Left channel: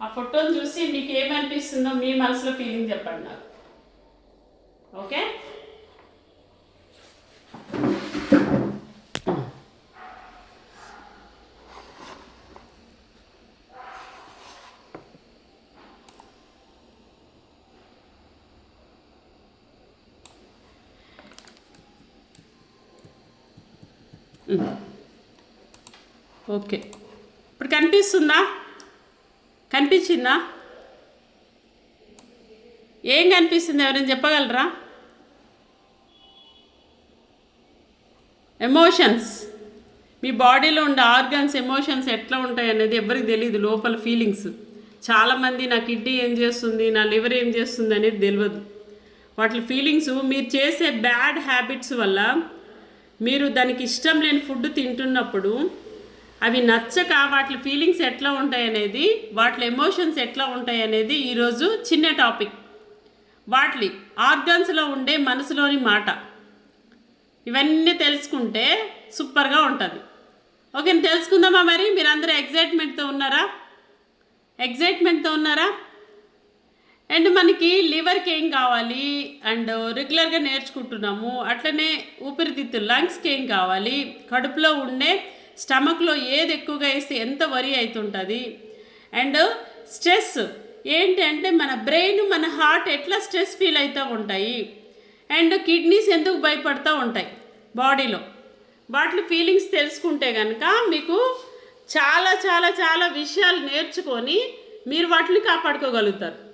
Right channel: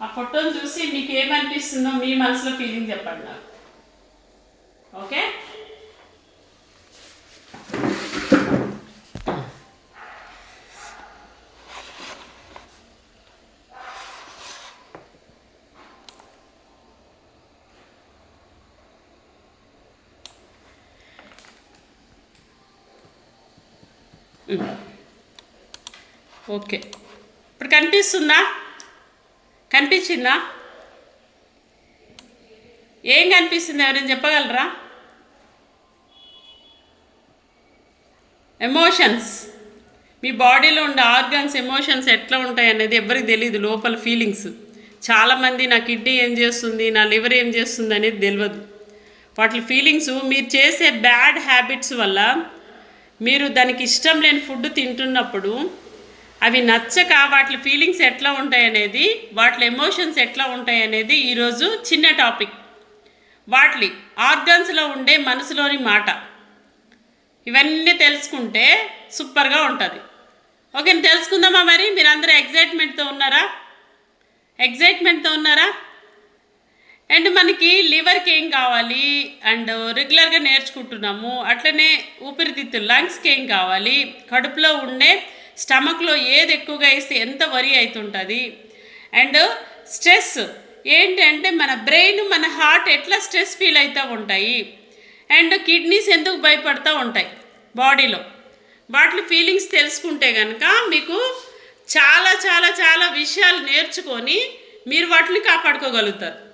ఆ ఫోటోని చూసి మీకు ఏమనిపిస్తుందో మీ మనసులో ఫీలింగ్ చెప్పండి నాకు. ఓకే ఓకే ఇప్పుడు కనిపిస్తుందా? కనిపించిందా? ఏం కనిపిస్తుంది? ఎవరైనా చెప్పగలరా? ఎమోషన్స్ మీ బాడీలో ఉండే ఆర్గన్స్ ఎమోషన్స్ ఎట్లా ఉంటాయి అనేది ఎవరికి తెలియదు లోపల ఫీలింగ్స్ చాలామంది నా కిడ్నీ ఏం చేస్తుంది నా లివర్ ఏం చేస్తుంది అనేది తెలియదు వాటి ఫీలింగ్స్ మీరు చేసే బ్యాడ్ హ్యాబిట్స్ వల్ల మీరు దానికి ఇష్టం లేని ఫుడ్ తింటున్నప్పుడు అవి నచ్చక వాటి ఫీలింగ్స్ ఎట్లా ఉంటాయి అనేది వాటి ఎమోషన్స్ ఎట్లా ఉంటాయి అనేది ఈరోజు చిన్న టాపిక్ వాటి ఆర్గన్స్లో ఉండే మనసులోని మాట. ఇవన్నీ తెలుసుకుంటే సూపర్గా ఉంటుంది. ఓకే తెలుసుకుందామా మరి? మీరందరూ ఎగ్జైట్మెంట్తో ఉన్నారా? ఎగ్జైట్మెంట్తో ఉన్నారా? అండ్ మనకి లివర్కి ఏం కావాలి? అండ్ రెగ్యులర్గా నేర్చుకుంటున్నాము. అట్లనే ఊపిరితిత్తులు లంగ్స్కి ఏం కావాలి? కడుపులో ఉండే స్టమక్లో ఏది ఎక్కువగా వేస్తే ఎంత వరి అవుతుంటుంది అండ్ స్ట్రెస్ ఏంటంటే మన బ్రెయిన్ మన హార్ట్ ఎట్లా స్ట్రెస్ ఫీల్ అవుతూ ఉంటాయి? అండ్ కిడ్నీస్ ఎందుకు భయపడుతూ ఉంటాయి బాడీలో? వాటి ఫీలింగ్స్ తెలుసుకుంటే కనుక మీకు చాలా చాలా చాలా విషయాలు నేర్చుకొని మీరు వాటిని కాపాడుకోగలుగుతారు.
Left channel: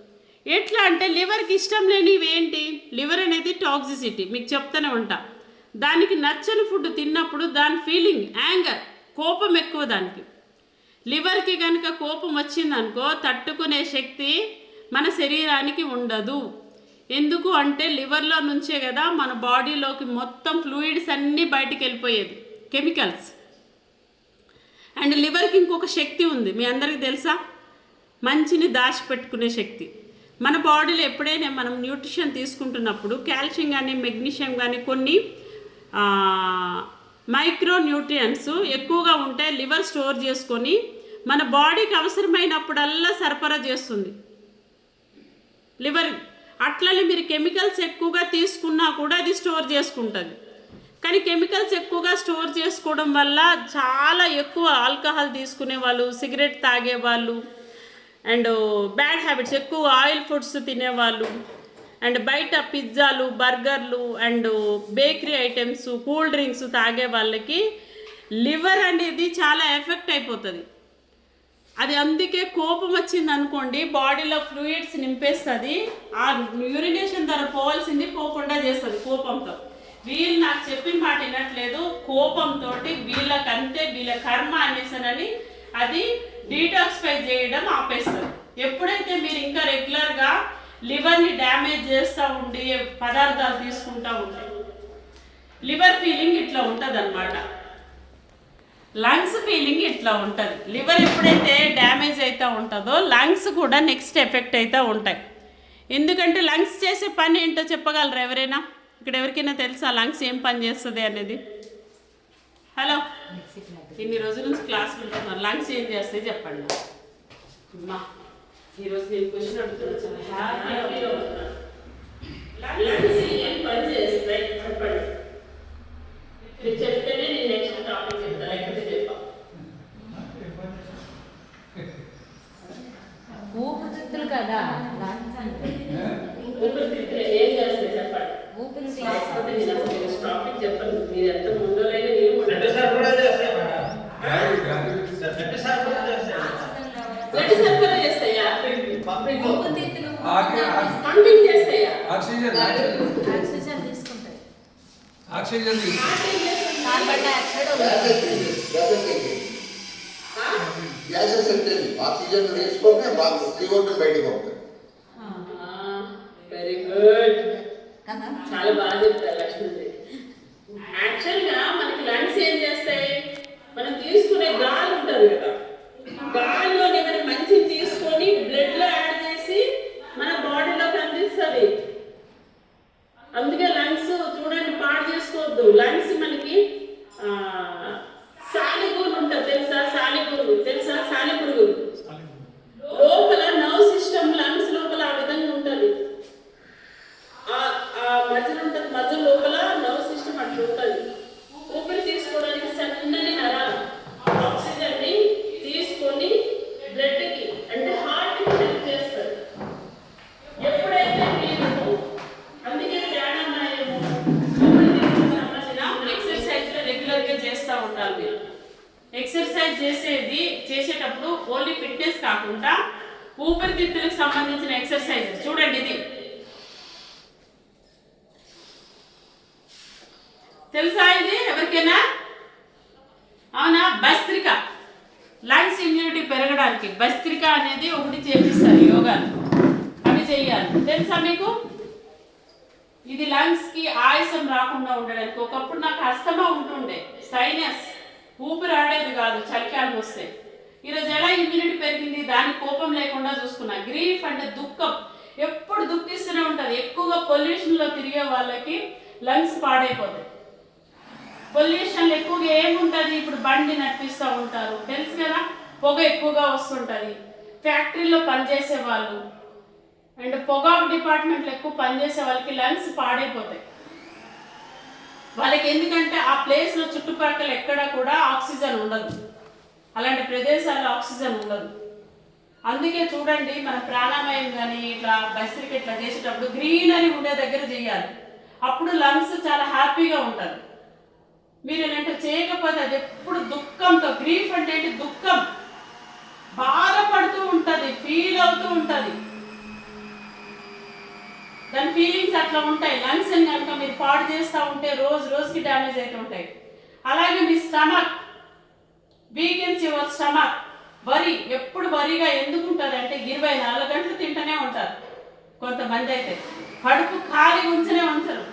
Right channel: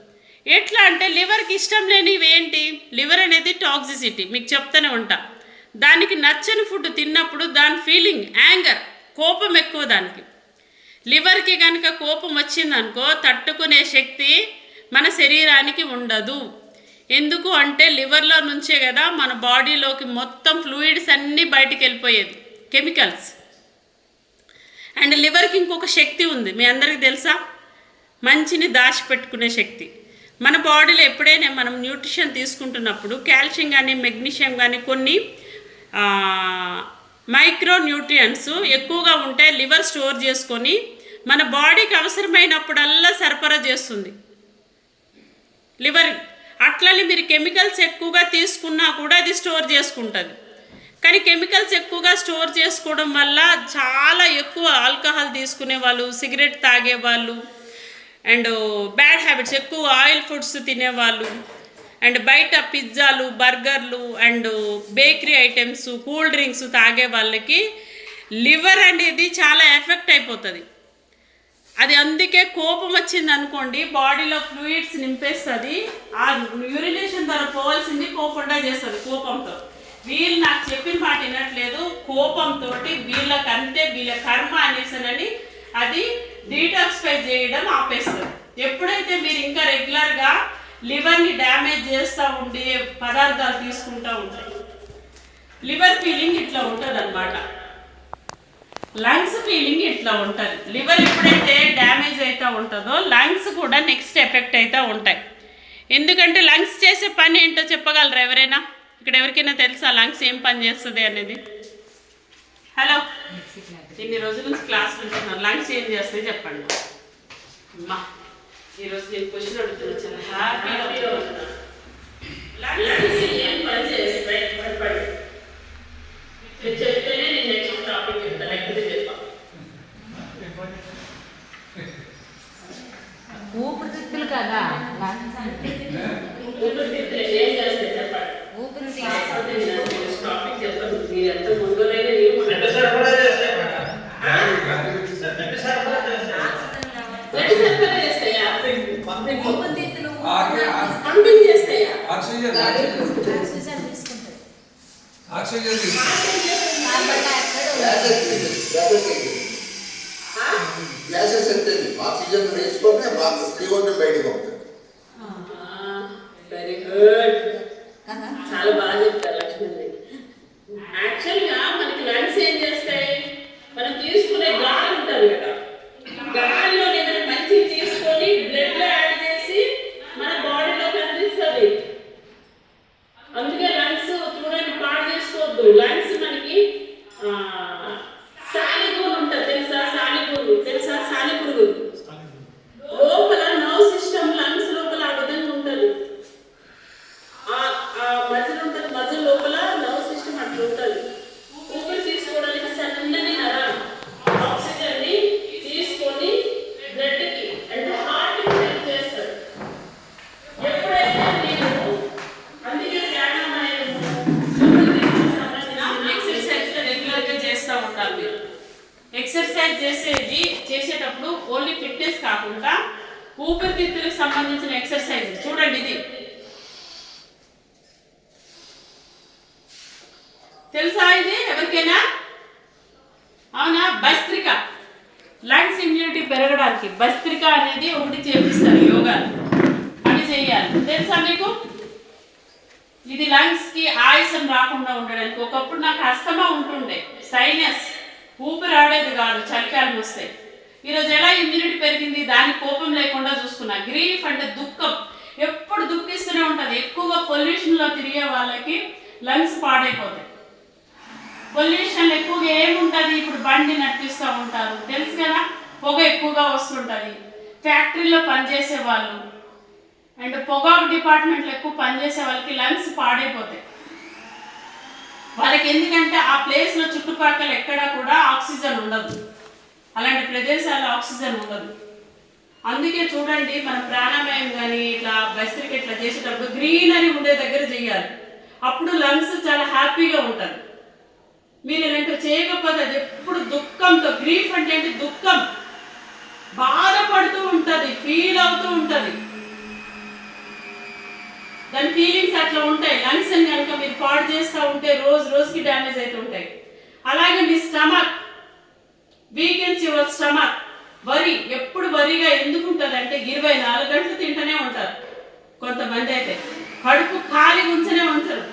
ఎట్లా అంటే లివర్కి ఇష్టం లేనివి ఏంటి? లివర్ అనేది టాక్సిసిటీ మీకు చెప్తూనే ఉంటా. దానికి నచ్చని ఫుడ్ తిన్నప్పుడు దాని ఫీలింగ్ యాంగర్ కోపం ఎక్కువ దానికి. లివర్కి కనుక కోపం వచ్చిందనుకో తట్టుకునే శక్తి మన శరీరానికి ఉండదు. ఎందుకు అంటే లివర్లో నుంచే కదా మన బాడీలోకి మొత్తం ఫ్లూయిడ్స్ అన్నీ బయటికి వెళ్ళిపోయేది కెమికల్స్. అండ్ లివర్కి ఇంకొక శక్తి ఉంది మీ అందరికీ తెలుసా? మంచిని దాచిపెట్టుకునే శక్తి. మన బాడీలో ఎప్పుడైనా మనం న్యూట్రిషన్ తీసుకుంటున్నప్పుడు కాల్షియం కానీ మెగ్నీషియం కానీ కొన్ని మైక్రో న్యూట్రియంట్స్ ఎక్కువగా ఉంటే లివర్ స్టోర్ చేసుకొని మన బాడీకి అవసరమైనప్పుడల్లా సరఫరా చేస్తుంది. లివర్ అట్లనే మీరు కెమికల్స్ ఎక్కువగా తీసుకున్నా కూడా అది స్టోర్ చేసుకుంటుంది. కానీ కెమికల్స్ ఎక్కువగా స్టోర్ చేసుకోవడం వల్ల చాలా ఎక్కువ ఆల్కహాల్ తీసుకునే వాళ్ళు సిగరెట్ తాగే వాళ్ళు అండ్ బ్యాడ్ హ్యాబిట్స్ ఎక్కువ ఆయిల్ ఫుడ్స్ తినేవాళ్ళు అండ్ బయట పిజ్జాలు బర్గర్లు and bakery items cool drinks తాగే వాళ్ళకి లివర్ అనేది చాలా ఎఫెక్ట్ అయిపోతుంది. అది అందుకే కోపం వచ్చింది అనుకోండి బాడీలో ఫ్లూయిడ్స్ నింపేస్తుంది ఆ యూరినేషన్ ద్వారా పోవాల్సింది పోకుండా చేస్తుంది కోపంతో. వీళ్ళు నాకు చెప్పిన మాట వినట్లేదు కోపంతో వీళ్ళకంతే వీళ్ళ కర్మ అనేసనని అది డీటాక్స్ఫై చేయడం ఆపేస్తుంది. ఎప్పుడైతే మీరు ఇంకా రెగ్యులర్గా లివర్ని డ్యామేజ్ చేస్తూ ఉండి పదార్థాలు తీసుకుంటూ ఉంటాయి. లివర్ ఫీలింగ్ ఇట్లా ఉంటుంది అనమాట లంగ్స్ ఫీలింగ్ ఇట్లా ఉంటుంది. లివర్ ఎప్పుడైతే డ్యామేజ్ అవుతూ ఉంటుందో లంగ్స్ కూడా నెక్స్ట్ ఎఫెక్ట్ అవుతూ ఉంటాయి. ఎందుకంటే లంగ్స్ చేసే పని ఏంటో చెప్పగలరా ఎవరైనా? ఇక్కడ ఎవరికైనా తెలుసా లంగ్స్ ఏం పని చేస్తుంది అనేది? హలో. ఇన్ని రోజుల నుంచి క్లాస్ వింటున్నాను. లంగ్స్ ఏం చేస్తాయి చెప్పండి. అమ్మా. ఈరోజు నేను క్వశ్చన్ అడుగుతున్నా చాలా హ్యాపీగా లంగ్స్ ఏం పని చేస్తాయి చెప్పండి మీరు చెప్తేనే నేను నెక్స్ట్ టాపిక్ చెప్తాను లేకపోతే చెప్పా ఊపిరితిత్తులు కదా లంగ్స్ అంటే ఊపిరితిత్తులు ఏం చేస్తాయి చెప్పండి ఊపిరితిత్తులు టాపిక్ చెప్పండి మీరు ఎంత ముందులోనే నేను అంటే సరఫరా చేస్తాయి మేడం. అంటే సరఫరా చేస్తాయి. ఎటు సరఫరా చేస్తాయా ఊపిరితిత్తులు ఆగి- పంపింగ్ చేస్తాయా ఆక్సిజన్ ఆక్సిజన్ ఆక్సిజన్ తీసుకుంటాయి ఆక్సిజన్ తీసుకుంటాం. కార్బన్ డైఆక్సైడ్ వదులుతాయి. గ్యాసెస్ ఉంటుంది ఆక్సిజన్ తీసుకుంటే బాగా బయటకు ఉంటుంది వెరీ గుడ్ చాలా బాగా చెప్తారు లక్ష్మీ యాక్చువల్గా మనకి లంగ్స్ ఏం చేస్తాయి మనం తీసుకునే గాలి ఉంటుంది కదా గాలిలో ఏదైనా మంచి తీసుకొని బ్లడ్లో యాడ్ చేసి మన బాడీలో కనిపిస్తుంది అందుకే లంగ్స్ చూడండి పాడు చేసుకోవద్దు లంగ్స్ మనకి ఆ, సాలిగూరు ఉంటుంది తెలుసా సాలిగూరు తెలుసా సాలిపురుగు కాకుండా ఊపిరితిత్తులకు సంబంధించిన ఎక్సర్సైజ్. చూడండి ఇది. తెలుసా ఇది? ఎవరికైనా? అవునా? భస్త్రిక. లంగ్స్ ఇమ్యూనిటీ పెరగడానికి భస్త్రిక అనేది ఒకటి చేపిస్తారు యోగాలు. అవి చేయాలి. తెలుసా మీకు? ఇది లంగ్స్కి కి రాకుండా ఉండడానికి. ఒకప్పుడు నాకు అస్తమా ఉంటుండే. సైనస్. ఊపిరాడేది కాదు చలికాలం వస్తే. ఈరోజు ఎలా ఇమ్యూనిటీ పెరిగింది? దాని కోపం లేకుండా చూసుకున్నా గ్రీఫ్ అంటే దుఃఖం. ఎప్పుడు దుఃఖిస్తూనే ఉంటుంది ఎక్కువగా పొల్యూషన్లో తిరిగే వాళ్ళకి లంగ్స్ పాడైపోతాయి. పొల్యూషన్ ఎక్కువగా ఏముంటుంది? ఇప్పుడు బండి నడిపిస్తూ ఉంటారు. తెలుసు కదా? పొగ ఎక్కువగా వస్తుంటుంది. ఫ్యాక్టరీలో పనిచేసే వాళ్ళు. అండ్ పొగాకు డిపార్ట్మెంట్లో ఎక్కువ పనిచేసే వాళ్ళకి లంగ్స్ పాడైపోతాయి. వాళ్ళకి ఎందుకంటే ఆ ప్లేస్లో చుట్టుపక్కల ఎక్కడ కూడా ఆక్సిజన్ ఉండదు. అలాంటి ప్రదేశాల్లో ఆక్సిజన్ ఉండదు. అందుకే చూడండి మన ప్రాణాయామం కానీ ఇట్లా బస్త్రికి ఇట్లా చేసేటప్పుడు గ్రీనరీ ఉండే దగ్గర చేయాలి. అప్పుడు లంగ్స్ చాలా హ్యాపీగా ఉంటుంది మీరు ఇలాంటివి చేయకపోతే అది ఎప్పుడు దుఃఖంతో గ్రీఫ్ అంటే ఏంటి? దుఃఖం. బాధపడుతూ ఉంటుంది ఫీల్ అవుతూ ఉంటుంది. దాని ఫీలింగ్స్ అట్లా ఉంటాయి. లంగ్స్ కనుక మీరు పాడు చేస్తూ ఉంటే రోజు రోజుకి డ్యామేజ్ అవుతూ ఉంటాయి. అలాగే మీ stomach. Weakens your stomach worry ఎప్పుడు వరిగా ఎందుకు ఉంటారంటే అంటే ఇరవై నాలుగు గంటలు తింటూనే ఉంటారు కొంతమంది అయితే. కడుపు ఖాళీ ఉంచనే ఉంచరు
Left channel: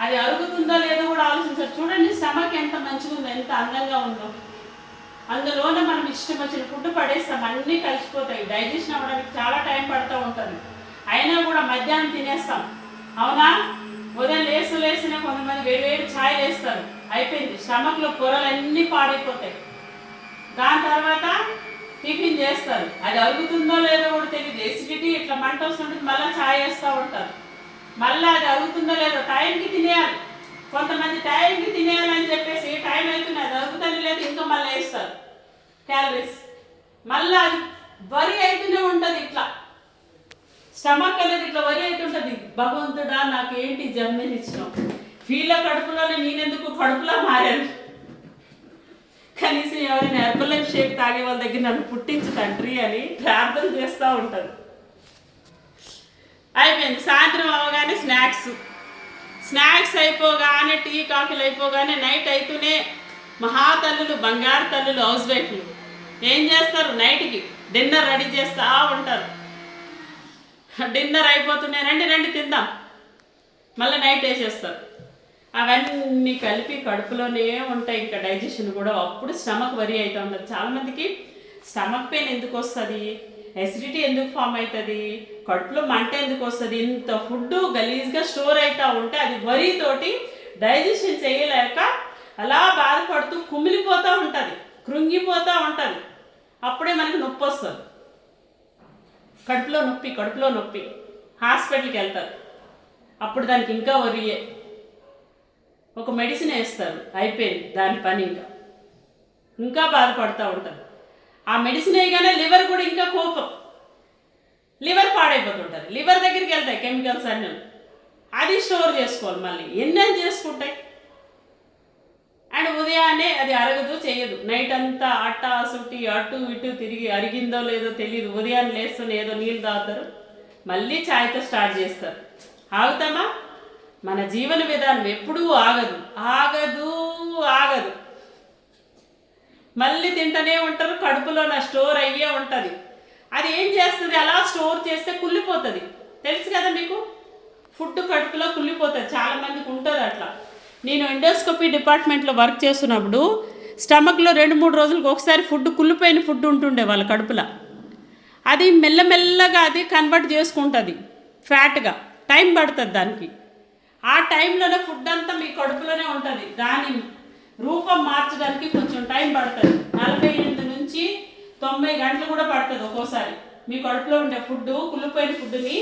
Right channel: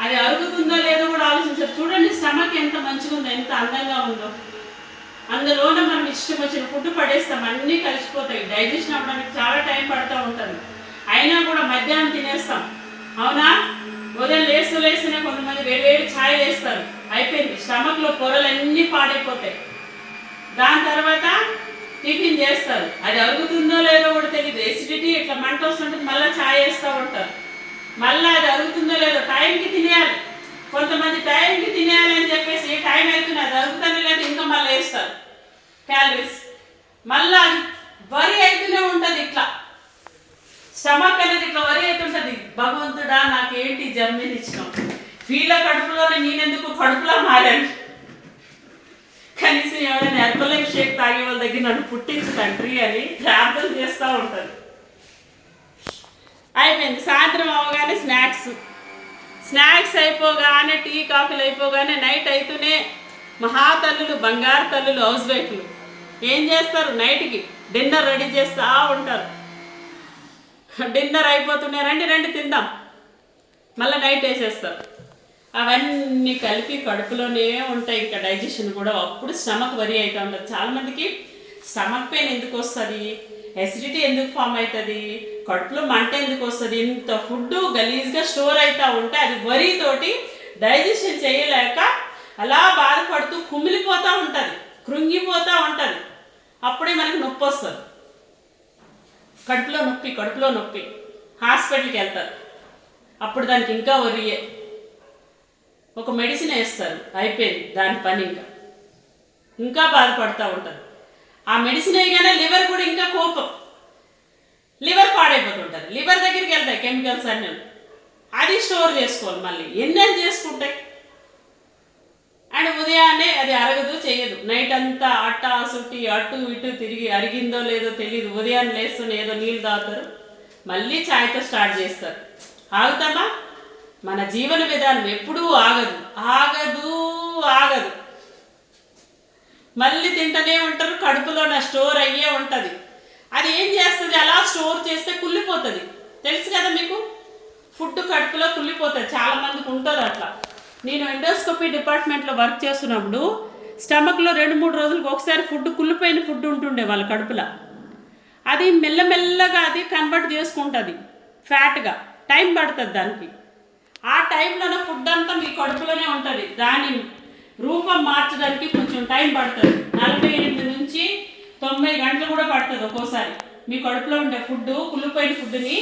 అది అరుగుతుందో లేదో కూడా ఆలోచించరు. చూడండి స్టమక్ ఎంత మంచిగా ఉందో ఎంత అందంగా ఉందో. అందులోనే మనం ఇష్టం వచ్చిన ఫుడ్ పడేస్తాం అన్నీ కలిసిపోతాయి. డైజెషన్ అవ్వడానికి చాలా టైం పడుతూ ఉంటుంది. అయినా కూడా మధ్యాహ్నం తినేస్తాం. అవునా? ఉదయం లేస్తూ లేస్తూనే కొంతమంది వేడి వేడి ఛాయ్ వేస్తారు అయిపోయింది. స్టమక్లో పొరలన్నీ పాడైపోతాయి. దాని తర్వాత టిఫిన్ చేస్తారు. అది అరుగుతుందో లేదో కూడా తెలియదు ఎసిడిటీ ఇట్లా మంట వస్తుంటుంది మళ్ళీ ఛాయ్ వేస్తూ ఉంటారు. మళ్ళీ అది అరుగుతుందో లేదో టైంకి తినేయాలి. కొంతమంది టైంకి తినేయాలని చెప్పేసి టైం అవుతుంది అది అరుగుతుంది లేదు ఇంకా మళ్ళీ వేస్తారు. క్యాలరీస్ మళ్ళీ అది వరి అవుతూనే ఉంటుంది ఇట్లా. స్టమక్ అనేది ఇట్లా వరి అవుతుంటుంది భగవంతుడా నాకేంటి జన్మని ఇచ్చినాం వీళ్ళ కడుపులోనే నేనెందుకు కడుపులో మారాను? కనీసం ఎవరైనా హెర్బల్ షేక్ తాగే వాళ్ళ దగ్గర నన్ను పుట్టించు తండ్రి అని ప్రార్థన చేస్తూ ఉంటారు. అయిపోయింది. సాయంత్రం అవగానే స్నాక్స్. స్నాక్స్ అయిపోగానే టీ కాఫీలు అయిపోగానే నైట్ అయితేనే మహాతల్లులు బంగారు తల్లులు హౌస్ వైఫ్లు. ఏం చేస్తారు? నైట్కి డిన్నర్ రెడీ చేస్తూ ఉంటారు. డిన్నర్ అయిపోతుండే. రండి రండి తిందాం. మళ్ళీ నైట్ వేసేస్తారు. అవన్నీ కలిపి కడుపులోనే ఉంటాయి. ఇంకా డైజెషన్ కూడా అప్పుడు స్టమక్ వరి అవుతూ ఉండదు చాలామందికి స్టమక్ పెయిన్ ఎందుకు వస్తుంది? ఎసిడిటీ ఎందుకు ఫామ్ అవుతుంది కడుపులో మంట ఎందుకు వస్తుంది? ఇంత ఫుడ్ గలీజ్గా స్టోర్ అవుతూ ఉంటే అది వరితోటి డైజెషన్ చేయలేక అలా బాధపడుతూ కుమిలిపోతూ ఉంటుంది. కృంగిపోతూ ఉంటుంది. అప్పుడే మనకి నొప్పి వస్తుంది. కడుపులో నొప్పి కడుపులో నొప్పి. హాస్పిటల్కి వెళ్తారు. అప్పుడు దానికి ఇంకా వరియే. ఒక మెడిసిన్ వేస్తారు అయిపోయింది. దాని పని ఇంకా. ఇంకా బాధపడుతూ ఉంటుంది ఆ మెడిసిన్ వేయగానే లివర్ కూడా ఇంకా కోపం. లివర్ పాడైపోతుంటారు. లివర్ దగ్గరికి వెళ్తాయి కెమికల్స్ అన్నీ. అది స్టోర్ చేసుకోవాలి మళ్ళీ. ఎన్నెన్ చేసుకుంటాయి? అండ్ ఉదయాన్నే అది అరగదు చేయదు నైట్ అంతా అట్ట సుట్టి అటు ఇటు తిరిగి అరిగిందో లేదో తెలియదు ఉదయాన్నే లేస్తూనే ఏదో నీళ్ళు తాగుతారు. మళ్ళీ ఛాయ్తో స్టార్ట్ చేస్తారు. ఆగుతామా? మన జీవన విధానం ఎప్పుడూ ఆగదు. ఆగదు ఆగదు. మళ్ళీ తింటూనే ఉంటారు కడుపులో నా స్టోర్ అయ్యే ఉంటుంది. అది ఏం చేస్తుంది? అలా స్టోర్ చేస్తే కుళ్ళిపోతుంది. తెలుసు కదా మీకు? ఫుడ్ కడుపులో కుళ్ళిపోతుంది. చాలా మందికి ఉంటుంది అట్లా. నేను ఎండోస్కోపీ డిపార్ట్మెంట్లో వర్క్ చేస్తున్నప్పుడు స్టమక్లో రెండు మూడు రోజులకు ఒకసారి ఫుడ్ కుళ్ళిపోయిన ఫుడ్ ఉంటుండే వాళ్ళ కడుపులో. అది మెల్లమెల్లగా అది కన్వర్ట్ చేసుకుంటుంది. ఫ్యాట్గా. టైం పడుతుంది దానికి. ఆ టైంలోనే ఫుడ్ అంతా మీ కడుపులోనే ఉంటుంది. దాని రూపం మార్చడానికి కొంచెం టైం పడుతుంది. నలభై ఎనిమిది నుంచి తొంభై గంటలు కూడా పడుతుంది ఒక్కోసారి. మీ కడుపులో ఉండే ఫుడ్ కుళ్ళిపోయిన ఫుడ్ని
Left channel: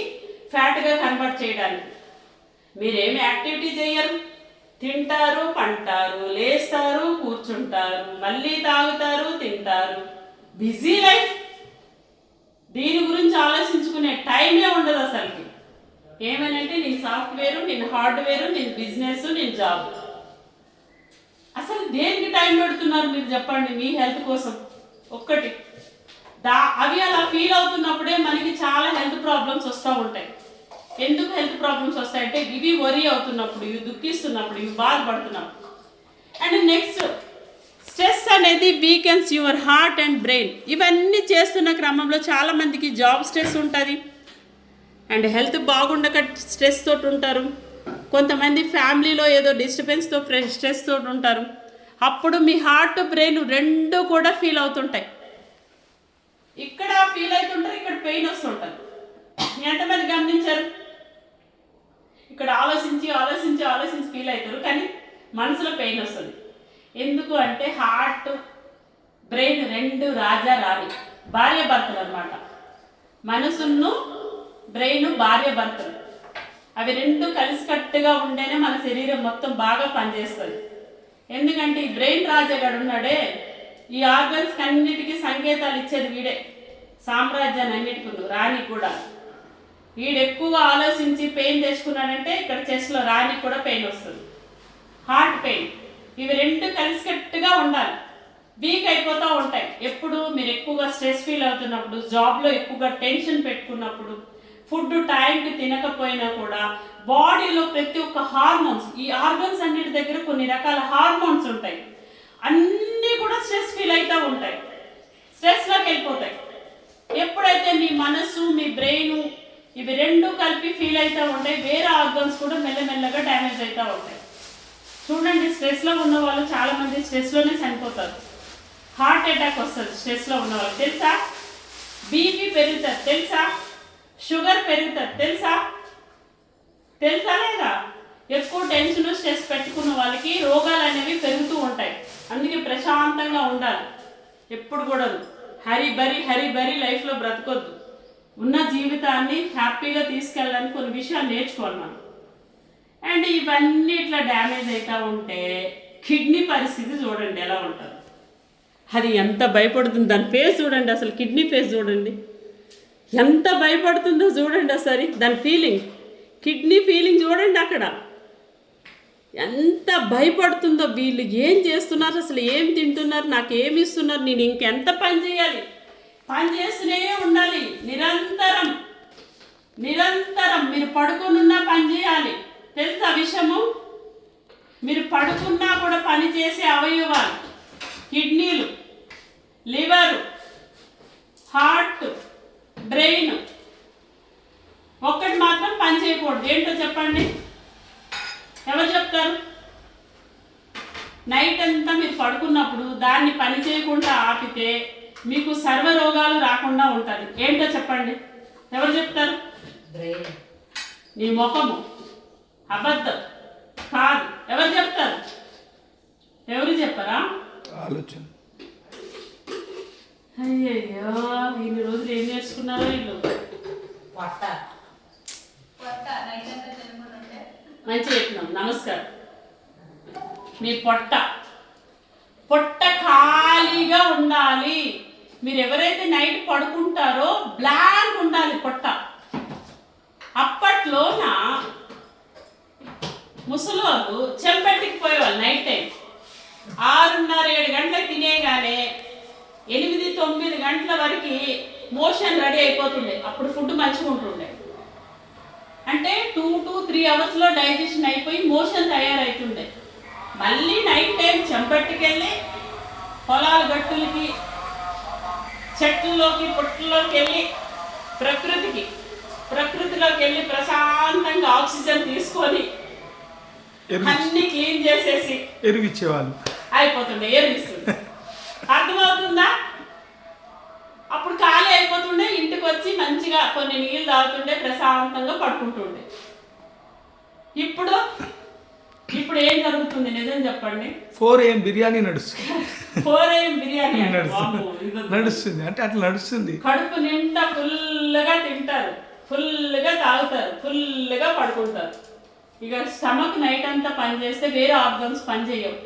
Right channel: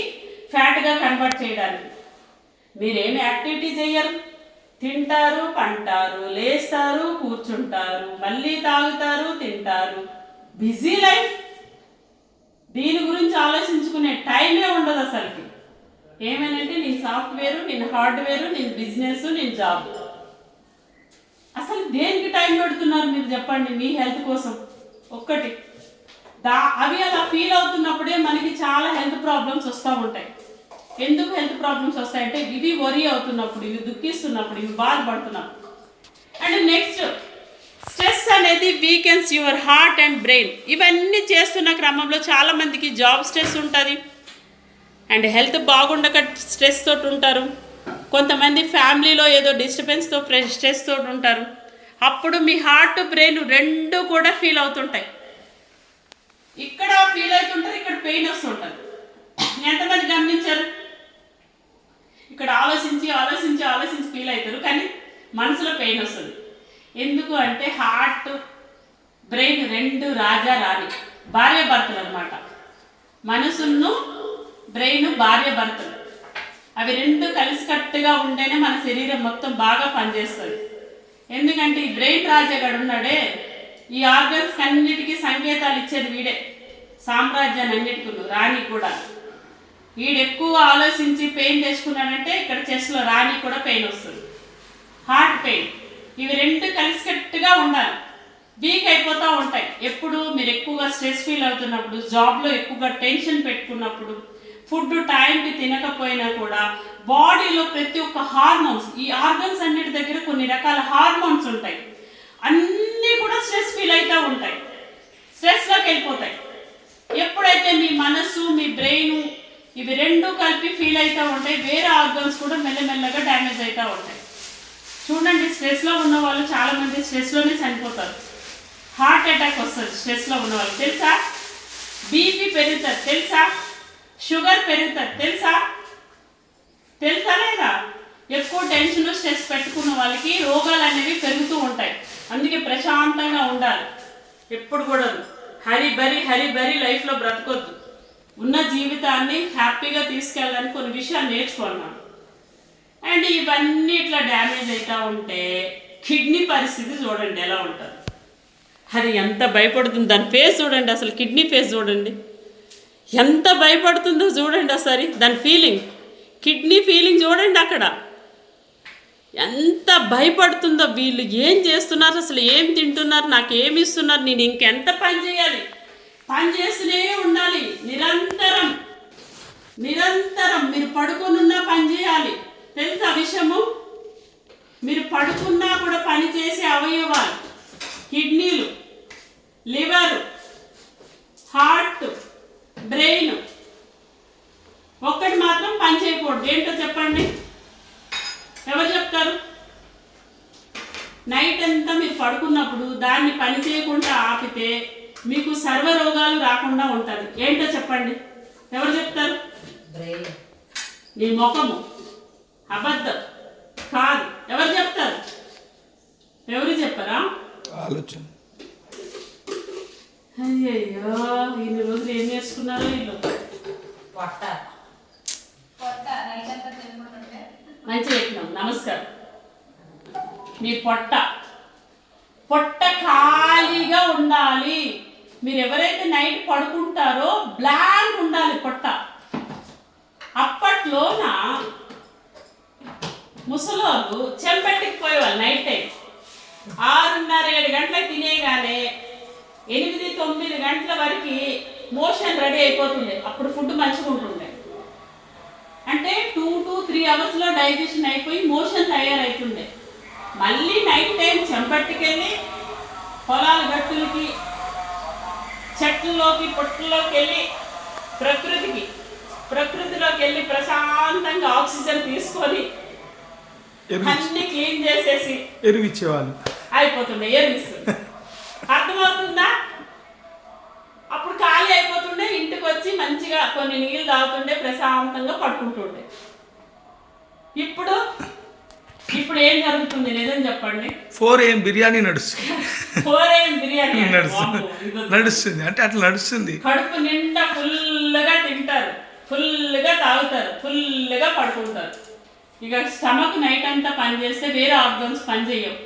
ఫ్యాట్గా కన్వర్ట్ చేయడానికి. మీరేమి యాక్టివిటీ చేయరు తింటారు పంటారు లేస్తారు కూర్చుంటారు మళ్ళీ తాగుతారు తింటారు. Busy life. దీని గురించి ఆలోచించుకునే టైమే ఉండదు అసలుకి. ఏమనంటే నేను సాఫ్ట్వేరు నేను హార్డ్వేరు నేను బిజినెస్ నేను జాబ్. అసలు దేనికి టైం పెడుతున్నారు మీరు చెప్పండి మీ హెల్త్ కోసం? ఒక్కటి. దా అవి అలా ఫీల్ అవుతున్నప్పుడే మనకి చాలా హెల్త్ ప్రాబ్లమ్స్ వస్తూ ఉంటాయి. ఎందుకు హెల్త్ ప్రాబ్లమ్స్ వస్తాయంటే ఇవి వరి అవుతున్నప్పుడు ఇవి దుఃఖిస్తున్నప్పుడు ఇవి బాధపడుతున్నప్పుడు అండ్ నెక్స్ట్ స్ట్రెస్ అనేది weakens your heart and brain ఇవన్నీ చేస్తున్న క్రమంలో చాలామందికి జాబ్ స్ట్రెస్ ఉంటుంది. అండ్ హెల్త్ బాగుండక స్ట్రెస్ తోటి ఉంటారు. కొంతమంది ఫ్యామిలీలో ఏదో డిస్టర్బెన్స్తో స్ట్రెస్ తోటి ఉంటారు. అప్పుడు మీ హార్ట్ బ్రెయిన్ రెండు కూడా ఫీల్ అవుతుంటాయి. ఇక్కడ ఫీల్ అవుతుంటారు ఇక్కడ పెయిన్ వస్తుంటారు ఎంతమంది గమనించారు? ఇక్కడ ఆలోచించి ఆలోచించి ఆలోచించి ఫీల్ అవుతారు కానీ మనసులో పెయిన్ వస్తుంది. ఎందుకు అంటే హార్ట్ బ్రెయిన్ రెండు రాజా రాణి భార్య భర్తలు అనమాట మనసును బ్రెయిన్ భార్య భర్తలు అవి రెండు కలిసికట్టుగా ఉంటేనే మన శరీరం మొత్తం బాగా పనిచేస్తుంది. ఎందుకంటే ఈ బ్రెయిన్ రాజాగాడు ఉన్నాడే ఈ ఆర్గన్స్ అన్నిటికీ సంకేతాలు ఇచ్చేది వీడే. సామ్రాజ్యాన్ని అన్నిటికీ రాణి కూడా. వీడు ఎక్కువ ఆలోచించి పెయిన్ తెచ్చుకున్నాడంటే ఇక్కడ చెస్ట్లో రాణి కూడా పెయిన్ వస్తుంది. Heart pain. ఇవి రెండు కలిసికట్టుగా ఉండాలి. వీక్ అయిపోతూ ఉంటాయి. ఎప్పుడు మీరు ఎక్కువగా స్ట్రెస్ ఫీల్ అవుతున్నప్పుడు జాబ్లో ఎక్కువగా టెన్షన్ పెట్టుకున్నప్పుడు ఫుడ్ టైంకి తినకపోయినా కూడా బాడీలో ప్రతి ఒక్క హార్మోన్స్ ఈ ఆర్గన్స్ అన్నిటి దగ్గర కొన్ని రకాల హార్మోన్స్ ఉంటాయి. అన్నీ కూడా స్ట్రెస్ ఫీల్ అవుతూ ఉంటాయి. స్ట్రెస్లోకి వెళ్ళిపోతాయి. ఎప్పుడైతే మీ మనసు మీ బ్రెయిన్ ఇవి రెండు కలిపి ఫీల్ అవుతూ ఉంటాయి వేరే ఆర్గన్స్ కూడా మెల్లమెల్లగా డ్యామేజ్ అవుతూ ఉంటాయి. చూడండి స్ట్రెస్లో ఉన్న వాళ్ళు చాలా మంది స్ట్రెస్లోనే చనిపోతారు. హార్ట్ అటాక్ వస్తుంది స్ట్రెస్లో ఉన్న వాళ్ళు. తెలుసా? బీపీ పెరుగుతుంది. తెలుసా? షుగర్ పెరుగుతుంది తెలుసా? తెలుసా లేదా? ఎక్కువ టెన్షన్ స్ట్రెస్ పెట్టుకున్న వాళ్ళకి రోగాలు అనేవి పెరుగుతూ ఉంటాయి. అందుకే ప్రశాంతంగా ఉండాలి. ఎప్పుడు కూడా హరి బరి హరి బరి లైఫ్లో బ్రతకొద్దు. ఉన్న జీవితాన్ని హ్యాపీగా తీసుకెళ్ళడానికి కొన్ని విషయాలు నేర్చుకున్నాను అండ్ ఇవన్నీ ఇట్లా డ్యామేజ్ అవుతూ ఉంటే కిడ్నీ పరిస్థితి చూడండి ఎలా ఉంటుంది. అది ఎంత భయపడుతుంది. దాని ఫేస్ చూడండి అసలు కిడ్నీ ఫేస్ చూడండి. ఎంత భయపడుతుందో చూడండి ఒకసారి. దాని ఫీలింగ్ కిడ్నీ ఫీలింగ్ చూడండి అక్కడ. ఎంత భయపడుతుందో వీళ్ళు ఏం చేస్తున్నారు అసలు ఏం తింటున్నారు నాకు ఏమి ఇస్తున్నారు నేను ఇంకెంత పని చేయాలి? పని చేస్తూనే ఉండాలి. నిరంతరం. నిరంతరం మీరు పడుకునున్నా పని చేయాలి. తెలుసా విషయము? మీరు పడుకున్నా కూడా పని చేసే అవయవాలు కిడ్నీలు లివరు హార్ట్ బ్రెయిన్ ఒక్కటి మాత్రం పని చేయకూడదు ఏంటో చెప్పండి ఎవరు చెప్తారు నైట్ అంతా మీరు పడుకున్నప్పుడు దాన్ని పని చేయకుండా ఆపితే మీకు సర్వ రోగాలు రాకుండా ఉంటుంది. ఏంటో చెప్పండి. ఎవరు చెప్తారు? బ్రెయిన్. నీ ముఖము. అబద్ధం. కాదు. ఎవరు చెప్తారు? ఎవరు చెప్పరా? ఆలోచన. అయ్యయ్యో ఇన్ని రోజులు ఏం నేర్చుకున్నారో వీళ్ళు? పొట్ట. కొత్త నైట్ అంతా తినకుంటుంటే? మంచి చెప్పినాం. నమస్కారం. మీ పొట్ట. పొట్ట ఖాళీగా ఉండాలి. మీరు ఎవరైతే నైట్ పడుకుంటారో బ్లాంక్ ఉండాలి పొట్ట. అప్పట్లోన ముసలోళ్ళు చెంపెట్టికి పోయేవాళ్ళు నైట్ టైం. ఆరున్నర ఏడు గంటలకు తినేగానే ఎనిమిది తొమ్మిది గంటల వరకు మోషన్ రెడీ అయిపోతుండే. అప్పుడు ఫుడ్ మంచిగా ఉంటుండే అంటే టూ టు త్రీ అవర్స్లో డైజెషన్ అయిపోయి మోషన్ తయారవుతుండే మళ్ళీ నైట్ టైం చెంపట్టుకెళ్ళి పొలాల గట్టులకి చెట్లలోకి పుట్టల్లోకి వెళ్ళి ప్రకృతికి ప్రకృతిలోకి వెళ్ళి ప్రశాంతంగా ఆక్సిజన్ తీసుకొని అన్ని క్లీన్ చేసేసి ఎరువు ఇచ్చేవాళ్ళు. అయిపోతుండే ఏర్పిస్తుంది అర్థమవుతుందా? అప్పుడు ఖాళీ అయిపోతుండే ఇంటికి వచ్చి మంచిగా కొన్ని నీళ్ళు తాగుతుండే ప్రశాంతంగా పడుకుంటుండే. ఇప్పుడు ఇప్పుడు ఏం జరుగుతుంది? నిజం చెప్పండి. ఫోర్ ఏం బిర్యానీ నడుస్తుంది. ఫోర్ ఏం బిర్యానీ? నడుస్తుంది. నడుస్తుంది. అంటే అట్లా నడుస్తుంది. కడుపు నిండా ఫుల్గా తింటారు. ఫుల్గా తాగుతారు. ఫుల్గా పడుకుంటారు. ఇక స్టమక్ నైట్ అంతా పని చేస్తే వేరే ఆర్గన్స్ పని చేయవు.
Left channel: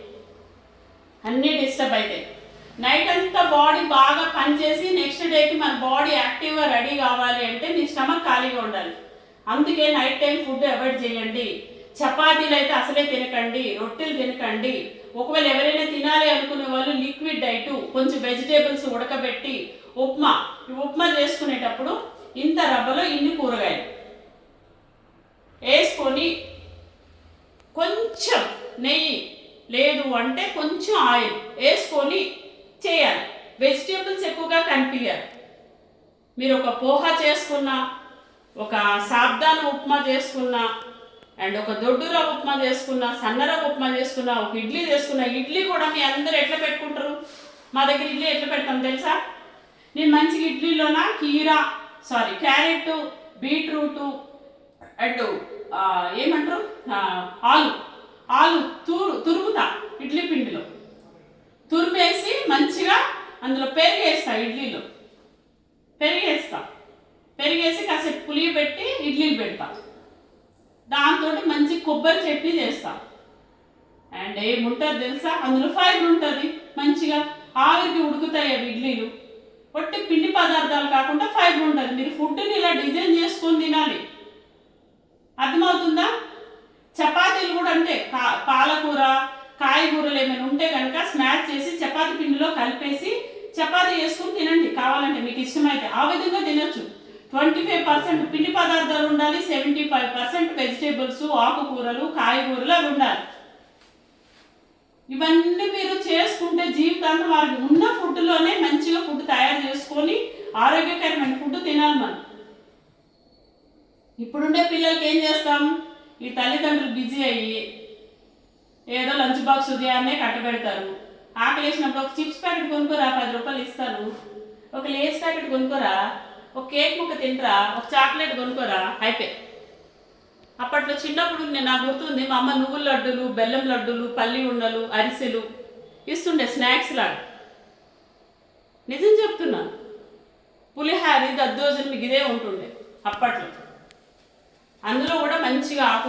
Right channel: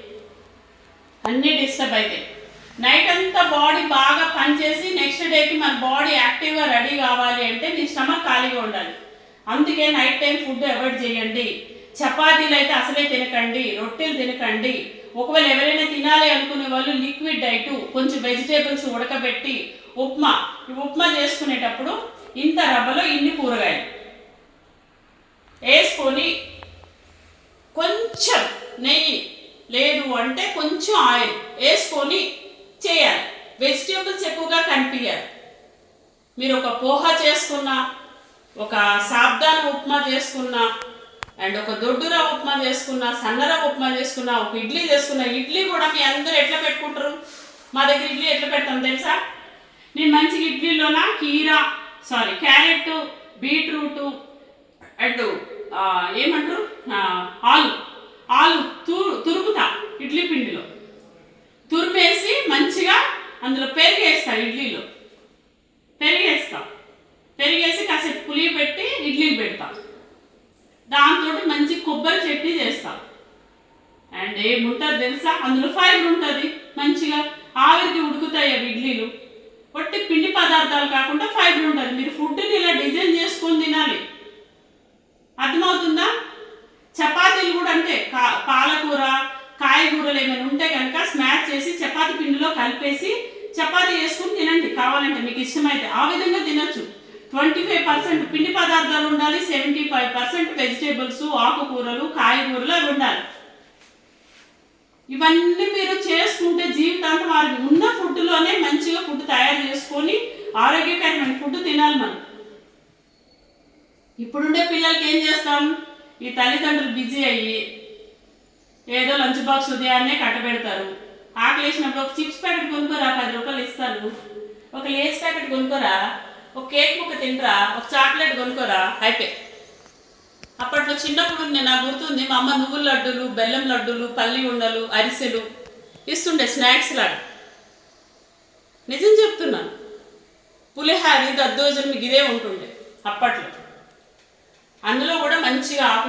అన్నీ డిస్టర్బ్ అవుతాయి నైట్ అంతా బాడీ బాగా పనిచేసి నెక్స్ట్ డేకి మన బాడీ యాక్టివ్గా రెడీ కావాలి అంటే మీ స్టమక్ ఖాళీగా ఉండాలి. అందుకే నైట్ టైం ఫుడ్ అవాయిడ్ చేయండి. చపాతీలు అయితే అసలే తినకండి రొట్టెలు తినకండి. ఒకవేళ ఎవరైనా తినాలి అనుకునే వాళ్ళు లిక్విడ్ డైట్ కొంచెం వెజిటేబుల్స్ ఉడకబెట్టి ఉప్మా ఉప్మా చేసుకునేటప్పుడు ఇంత రవ్వలో ఇన్ని కూరగాయలు. వేసుకొని కొంచెం నెయ్యి లేదు అంటే కొంచెం ఆయిల్ వేసుకొని చేయాలి. వెజిటేబుల్స్ ఎక్కువగా కనిపించాలి మీరు ఒక పోహా చేసుకున్నా ఒక సాబ్దాన ఉప్మా చేసుకున్నా అండ్ ఒక దొడ్డురా ఉప్మా చేసుకున్నా రవ్వ ఉప్మా చేసుకున్నా ఒక ఇడ్లీ చేసుకున్నా ఇడ్లీ కూడా మీ అందరూ ఎట్లా పెట్టుకుంటారు? మా దగ్గర ఇడ్లీ ఎట్లా పెడతాం తెలుసా? నేను మంచిగా ఇడ్లీలోన? కీరా సారీ క్యారెట్ బీట్రూటు అండ్ ఏమంటారు? ఆలు. ఆలు తూరు తురుముతా ఇడ్లీ పిండిలో. తురిమేసి మంచిగా అందులో పెరుగు వేస్తా ఇడ్లీలో. పెరిగేస్తా. పెరిగేసి కాసేపు పులి పెట్టి ఇడ్లీ పెడతా. దాంతో మంచి కొబ్బరి చట్నీ చేస్తాం. అండ్ ఏముంటుంది తెలుసా? అందులో ఫైబర్ ఉంటుంది. మంచిగా ఆవిరికి ఉడుకుతాయి అవి ఇడ్లీలు. ఒట్టి పిండి పదార్థాలు కాకుండా ఫైబర్ ఉంటుంది. మీరు ఫుడ్ని ఇలా డిజైన్ చేసుకొని తినాలి. అర్థమవుతుందా? చపాతీలు కూడా అంతే. కా పాలకూర కాయగూరలు ఏమైనా ఉంటే కనుక స్మాష్ చేసి చపాతీ పిండిలో కలిపేసి చపాతీ చేసుకుని తినండి. కావాలంటే మీకు ఇష్టమైతే ఆ విధంగా తినొచ్చు. ట్వంటీ ఫైవ్ పర్సెంట్ పిండి పదార్థాలు ఉండాలి సెవెంటీ ఫైవ్ పర్సెంట్ వెజిటేబుల్స్ ఆకుకూరలు కాయగూరలు అవి ఉండాలి. ఇవన్నీ మీరు చేసుకుంటే జీవితాంతం వారికి ఉన్న ఫుడ్లోనే మంచిగా ఫుడ్ తయారు చేసుకొని ఆరోగ్యకరమైన ఫుడ్ తినాలి మనం. ఇప్పుడుండే పిల్లలకి ఏం చేస్తాం? ఈ తల్లిదండ్రులు బిజీ అయ్యి ఏదో లంచ్ బాక్స్ ఉదయాన్నే కట్టబెడతారు. ఆకలి వేసినప్పుడు ఒక చిప్స్ ప్యాకెట్ కొనుక్కోరా పది రూపాయలు ఇస్తారు ఒక లేస్ ప్యాకెట్ కొనుక్కోరా? ఒక కేక్ ముక్క తింటరా ఒక చాక్లెట్ కొనుక్కోరా? అయిపోయి. అప్పట్లో చిన్నప్పుడు నేను నాకు గుర్తుంది మా అమ్మ నువ్వుల లడ్డూలు బెల్లం లడ్డూలు పల్లి ఉండలు అరిసెలు ఇస్తుండే స్నాక్స్ లాగా. నిజం చెప్తున్నాను పులిహారి దద్దోజనం మీకు ఇదే ఉంటుండే అప్పట్లో. అందులో కూడా మంచిగా ఆకు